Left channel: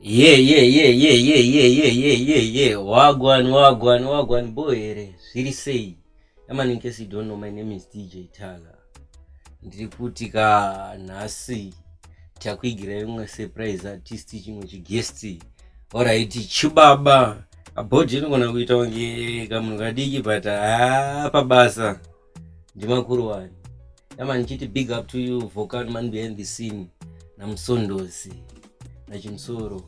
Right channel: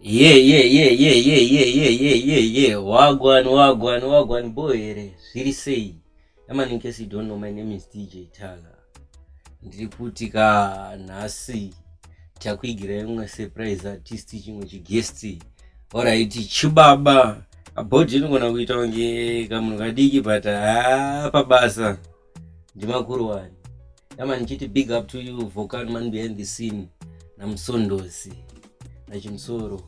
Yeah. Wagwan boy. Zviri sei? Yaman, in case you don't know, my name is DJ Tala. Ndiri kuti nhasi takuigira imwe surprise artist chimwe chiguest. Alright, chibaba. Abhodhi inogona kuita kunge kamunhu kadiki but pabasa ndimakuru wani. Yaman, chiti big up to you, Volcano man behind the scene. Namusondosi nachimsoro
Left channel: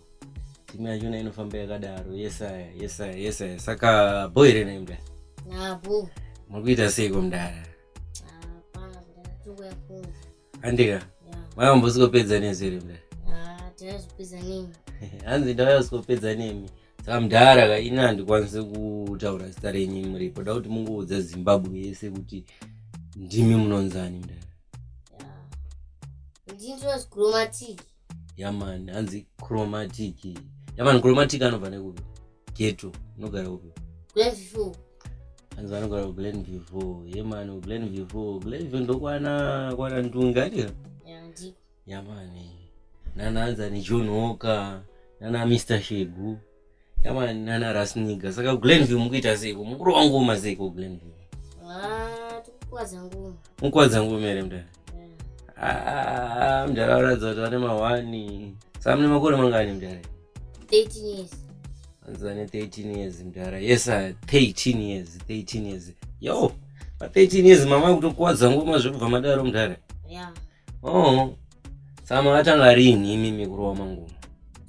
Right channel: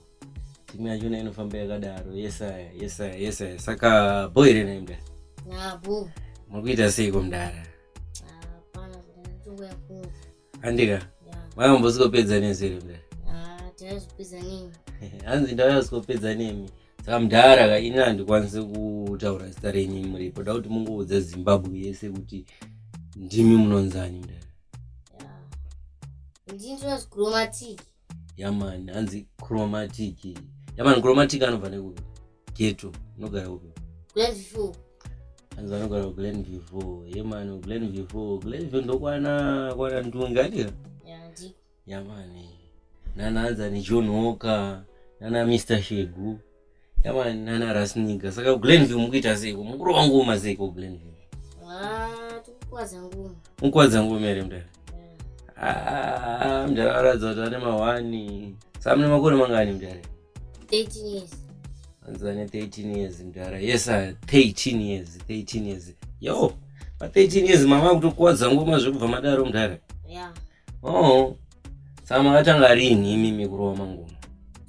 timu yacho inofamba yakadaro. Yesaya saka boy rena imda nabo mukuita seiko mdara pana kuti yaku andika mayambosukopedza nezere mdara tazopedza nemi hanzi ndawayasukopedza nemi saka mdara ka ini handikwanisi kutaura zita renyu muripo da kuti mungoudza Zimbabwe yese kuti ndimi munonzani mdara ndinzi chromatic yaman hanzi chromatic yaman chromatic anobva nekupi geto unogara upi Glenville hanzi vanogara kuGlenville yeman Glenville ndokwana ntunga ndika ndiko yamani nana hanzi ani John Walker nana Mr Shegu yaman nana Rasniga saka Glenville mukuita seiko mukuru wangu maseiko Glenville tukukwadza ngoma ere mdara mdara waradza kuti vane mahwani saka mune makore mangani mdara 13 years anzane 13 years mdara. Yes 13 years yo pa 13 years mama kutokwadza ngoma zvekubva madaro mdara saka makatanga rini imimi kurowa mangoma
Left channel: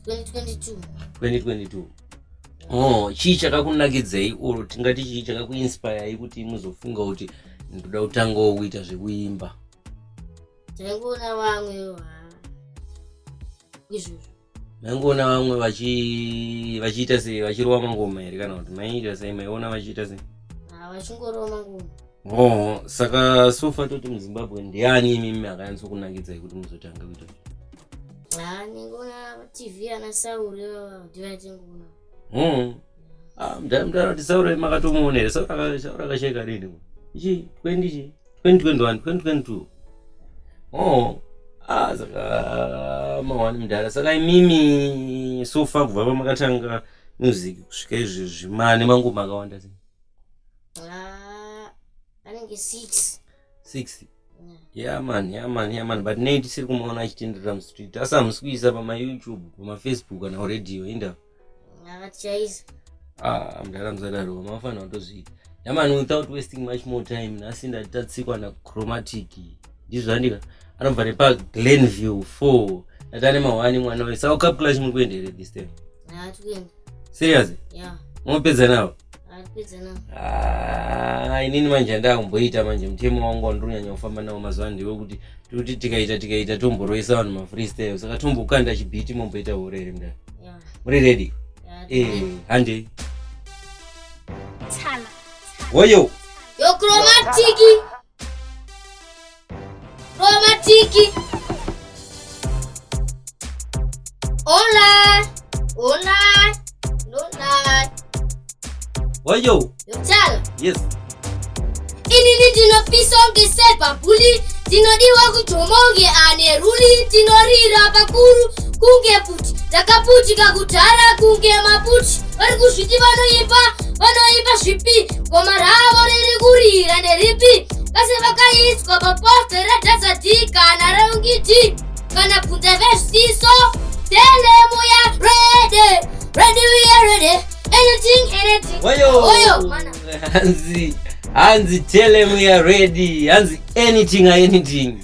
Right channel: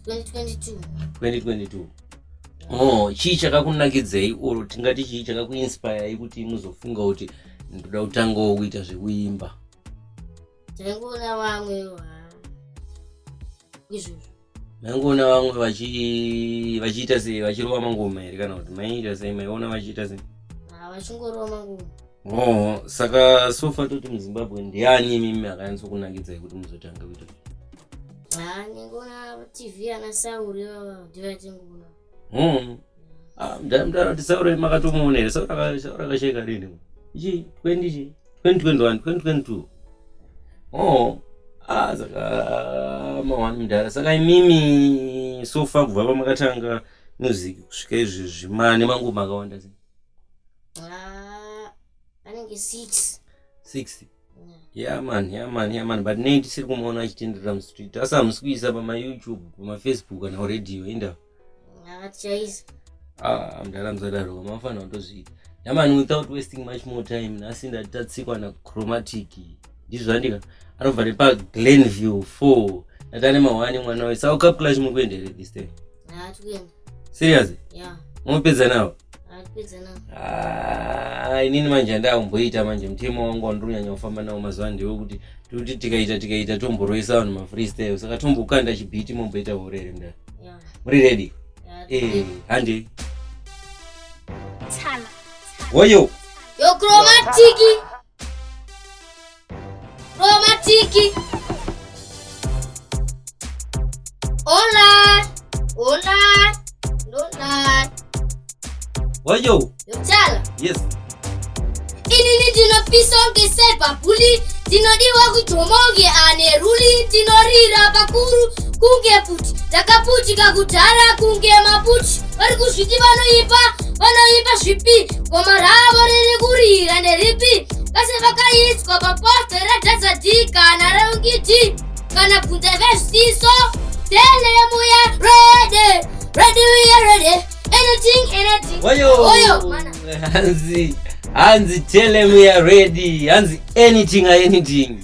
2022 chii chakakunakidzei oro tingati chii chakakuinspire kuti muzofunga kuti ndoda kutangawo kuita zvekuimba? Taingoona vamwe izvozvo maingoona vamwe vachiita sei vachirowa mangoma here kana kuti maiita sei maiona vachiita sei? Vachingorowa mangoma. Saka sofa toti muZimbabwe ndiani imimi akanyatsokunakidzai kuti muzotanga kuita? Ningoona TV ana Sauri ndivatingoona. Mdara kuti Sauri makatomuona here? Sauri akasheka rini? Ichi 2021 saka mawani mdara. Saka imimi sofa kubva pamakatanga music kusvika izvi zvimane mangoma akawanda sei? Anenge 6 yaman but nei tisiri kumaona achitenderera mustreet asi hamusi kuisa pamaYouTube pamafacebook kana radio inda tichaisa mdara musadaro mafanira kutozviita yaman. Without wasting much more time nhasi ndati tatsikwa naChromatic ndizvo andika anobva nepa Glenville 4 natane mahwani mwana wayo. Saka Cup Clash muri kuenda here this time? Tikuenda. Serious? Munopedza nawo? Tipedza nawo. Inini manje ndakumboita manje mutemo wangu wandinonyanya kufamba nawo mazuva ndewe kuti tikaita tomboroisa vanhu mafreestyle saka tombokanda chibhiti momboita horere mdara. Muri ready? Hande Tala woyo yo Chromatic Hola woyo yo Tala. yes Inini ndinopisa kunge sepabhuli ndinodiwa kujomonge ane ruli ndinorira pakuru kunge puti ndakaputika kudhara kunge maputi vari kuzviti vanoimba zvipi goma ravo riri kurira nderipi kase vakaiswa paposte radhazadhi kana raungiti kana bvunza vezviso telemu ya ready we are ready anything woyo mana hanzi telemu ya ready hanzi anything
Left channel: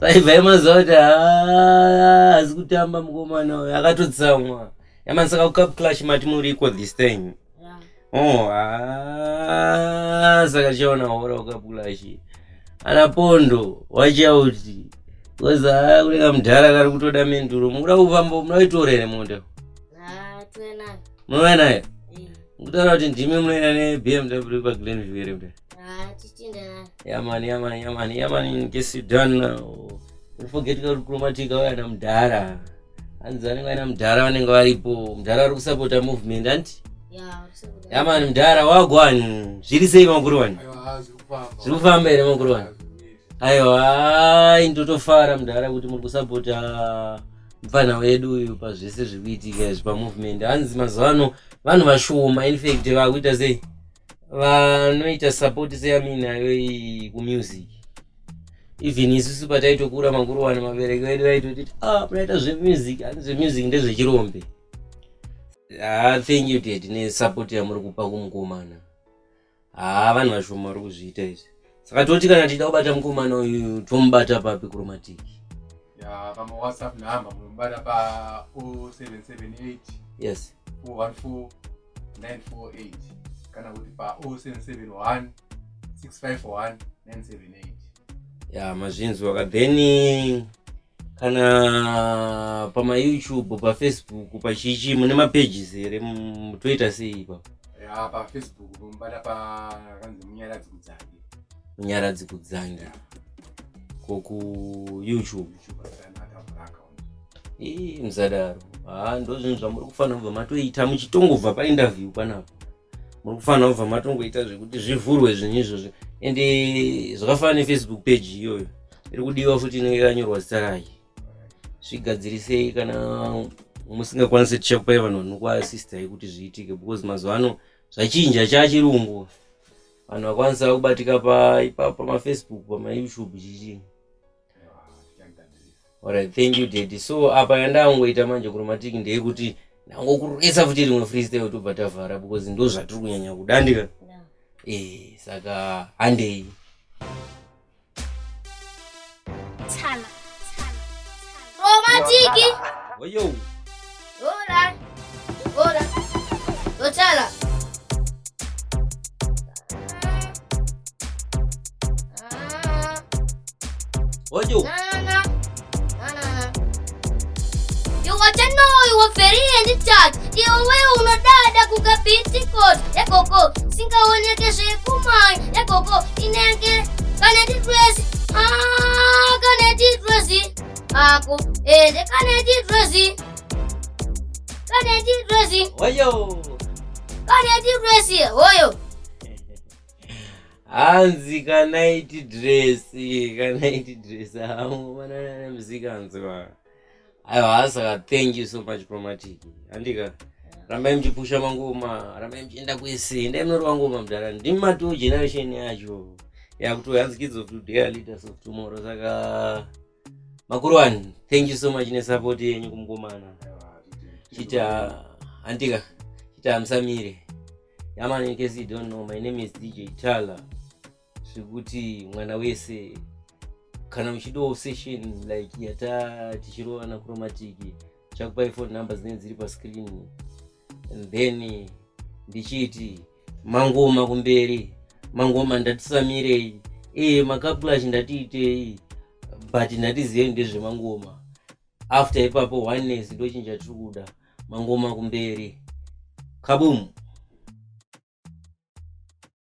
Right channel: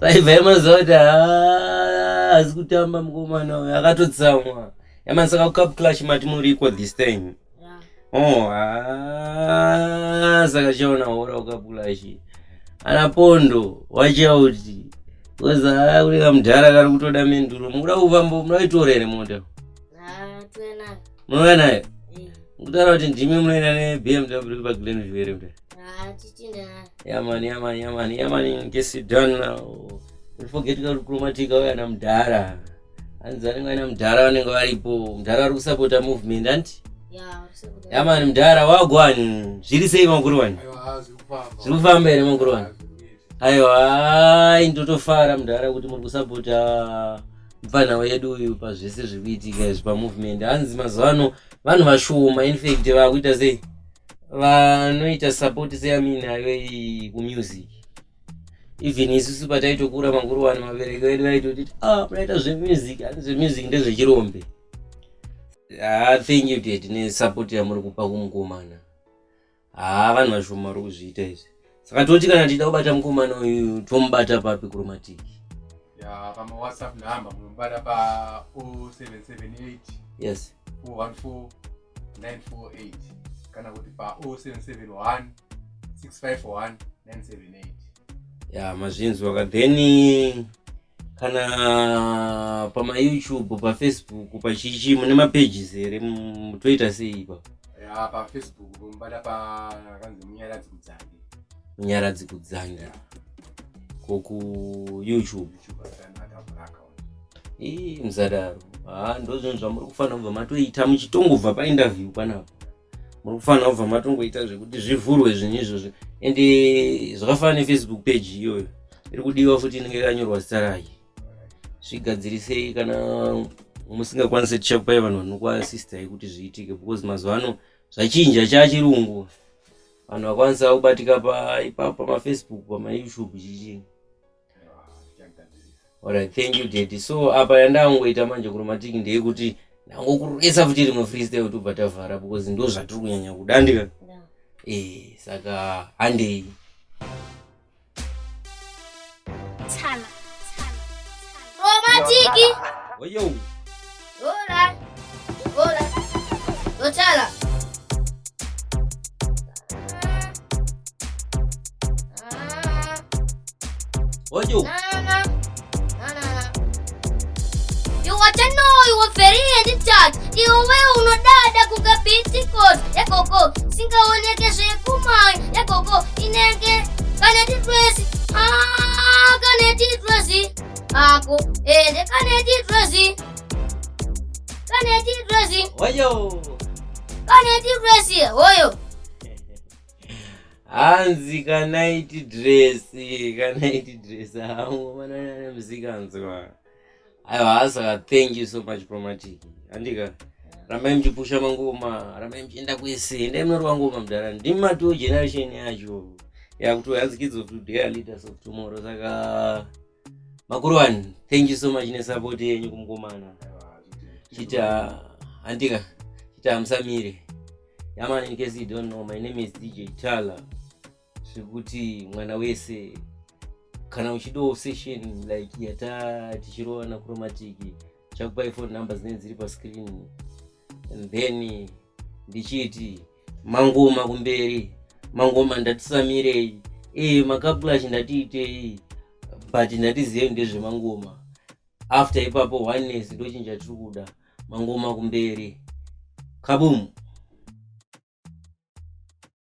saibva yemazoti hazi kutamba mukomana uyo akatotsamwa yaman. Saka Cup Clash mati muriko this time? Saka chiona hora Cup Clash ana Pondo wachauti koza kuleka mudhara kari kutoda menduro mukuda kufamba munoitora here mota? Munouya nayo? Mukutaura kuti ndimi munoenda neBMW paGlenville here mudhara? Yaman in case you don't know, don't forget kuti Chromatic auya namudhara. Hanzi vanenge vaina mudhara vanenge varipo. Mudhara vari kusapota movement anti? Yaman mudhara wagwani. Zviri sei makuru wani? Zviri kufamba here makuru wani? Aiwa ndotofara mudhara kuti muri kusapota mfana wedu uyu pazvese zvikuitika izvi pamovement. Hanzi mazuvano vanhu vashoma infact vakuita sei vanoita support seyaminayo iyi kumusic. Even isusu pataitokura makuru wani mabereki vedu vaitotiti munaita zvemusic, hanzi zvemusic ndezvechirombe. Thank you dad nesupport yamuri kupa kumukomana. Vanhu vashoma vari kuzviita izvi. Saka toti kana tichida kubata mukomana uyu tomubata papi Chromatic? Pama WhatsApp number munobata pa 0778 yes 414 948 kana kuti pa 0771 651 978. Mazvinzwa. Then kana pama YouTube, pa Facebook, pa chichi mune mapages here mutoita sei ipapo? Pa Facebook munobata pa kanzi Munyaradzi Kudzangi. Ku YouTube muzadaro. Ndo zvinhu zvamuri kufanira kubva matoita muchitongobva painterview panapo. Muri kufanira kubva matongoita zvekuti zvivhurwe zvinhu izvozvo. Ende zvakafanana neFacebook page iyoyo iri kudiwa futi inenge yakanyorwa zita rayo. Zvigadzirisei kana musingakwanisi tichakupai vanhu vanokuasistai kuti zviitike, because mazuvano zvachinja chachirungu. Vanhu vakwanisa kubatika pamaFacebook, pamaYouTube chichinga. Alright, thank you daddy. So apa yandangoita manje Chromatic ndeyekuti ndangokuresa futi rimwe freestyle tobva tavhara because ndo zvatiri kunyanya kuda ndika. Saka handei. Tshala. Chromatic. Oyo. Hola. Tshala. Oyo. You were very in charge. Iwe unodada kukapiti code yakoko singaoneke zvekumai yakoko inenge kaneti dress kaneti dress ako ende kaneti dress Oyo. kaneti dress oyo Hanzi kanaiti dress manana mzikanzwa. Aiwa, saka thank you so much Chromatic. Andika rambai mchipusha mangoma, rambai mchienda kwese, endai munorwa ngoma mudhara. Ndimi mato generation yacho yakuti hanzi kids of today are leaders of tomorrow. Saka makuru wani, thank you so much nesupport yenyu kumukomana. Chita andika chita amsamire. Yaman, in case you don't know, my name is DJ Tala. Zvekuti mwana wese kana uchido session like yata tichirowa na Chromatic chakupai phone numbers dziri pa screen, and then ndichiti mangoma kumberi, mangoma ndatisamirei, makapulash ndatiitei, but ndatizive ndezve mangoma. After ipapo oneness ndochinja tiri kuda, mangoma kumberi. Kaboom.